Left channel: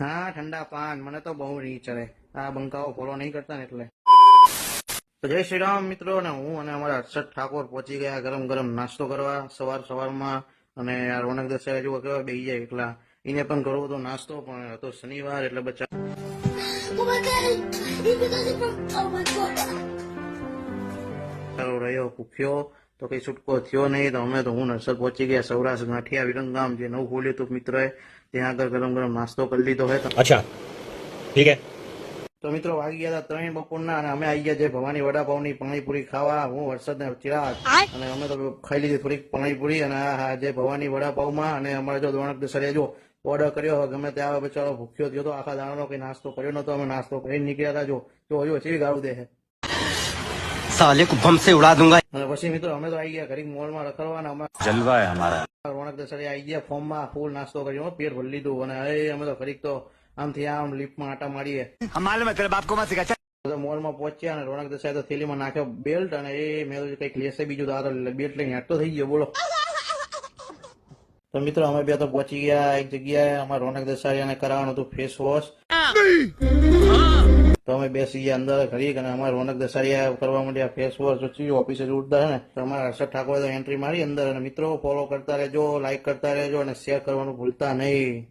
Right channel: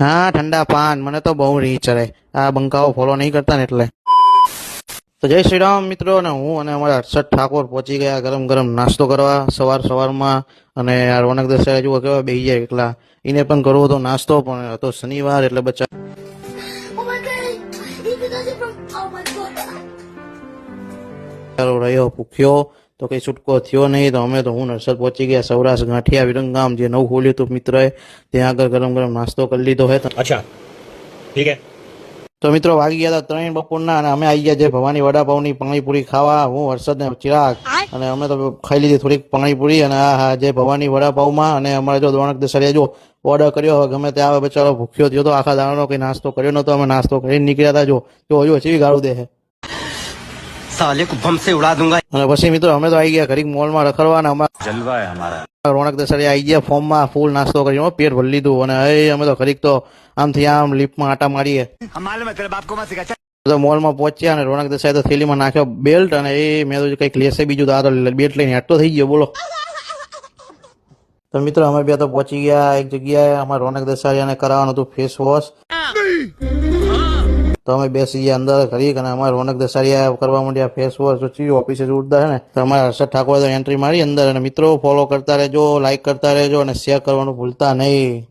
હા ઠંડા પાન મને તો બહુ રીહ ચડે, આ બંકાઓ ફોલો નહીં કરતા ને એટલે. તો જય શ્રી રામ મિત્રો, અને હું અને અમારા હર્ષદ ઠાકોર પહોંચી ગયા ગરમ ગરમ નાસ્તો કરવા સવારમાં. અને આ રોનક દસાઈ જુઓ કેવા બેહી જાય એકલા, એને પણ કરવો હતો નાસ્તો, પણ હતો શનિવાર એટલે બચ્ચા Oh my god! He because it from. Oh my god! ચાલો રહ્યો ભૂખ્યો તો કઈ છૂટકો થયો નહીં. તો અમે તો હું નરસદ પહોંચી ગયા સૌરાષ્ટ્ર ગાંઠિયા વિરંગામ, જે નવું ખોલ્યું હતું મિત્રએ, ત્યાં આગળ ગરમ ગરમ નાસ્તો કરી લીધો હે. अच्छा ठीक है। તો મિત્રો વાગી ગયા હતા 3 બપોરના, અને અમે આવી ગયા છે ભવાની વડાપાવની પાણીપુરી ખાવા. હું હર્ષદ ને ચિરાગ, અને અમે તો ખાઈ લીધી થોડીક પાણીપુરી, અને આ જે ભવાની વડાપાવમાં. અને અમારે જો રોનક દસાડીએ જો ઓર્ડર કર્યો, હવે ગમે તે આવે બચારો ભૂખ્યો થયો તો, આખા દાડાનો કઈ નાસ્તો કર્યો નતો. અમે નાસ્તો કરીને નીકળ્યા હતા, જો ચેવી ગાળું દે છે. साले को बम से उड़ा दूंगा। અને પછી મિત્રો અમે તો આવી ગયા ઘડીક મોલમાં રખડવા, અને અમારા जलवा है हमारा। રોનક દસાડી આવી ગયા ફોર્મમાં, ફૂલ નાસ્તો કર્યો, પેટ ભરી લીધું. અને અમે તો ઘડીક તો આમથી આમ લિફ્ટમાં આટા મારીએ. તો મોલમાં પહોંચ્યા, અને રોનક દસાઈ તો થેલીમાં નાખ્યો બેલ્ટ, અને એ મેં તો કંઈક લેશે બીજું, તો આ તો બેલ્ટ લઈને હેઠતો થઈ ગયો બોલો. તો મિત્રો અમે બે તો પહોંચી ગયા એક જગ્યાએ, અમારે રોનક દસાડીયાને કરાવવાનું હતું ફેસ વોશ. તો અમે બેસી ગયા અંદર ઘડીક, અને અમારે રોનક દસાડીયા કરવા માંડ્યા ફેસ વોશ. તો ચીયો ઓફિસે જોરદાર છે ને. તો અમારે હર્ષદ ઠાકોર એન્ટ્રી મારી અંદર. અને મિત્રો ફોલો કરતા રહેજો, લાઈક કરતા રહેજો, અને શેર કરવાનું ભૂલતા નહીં.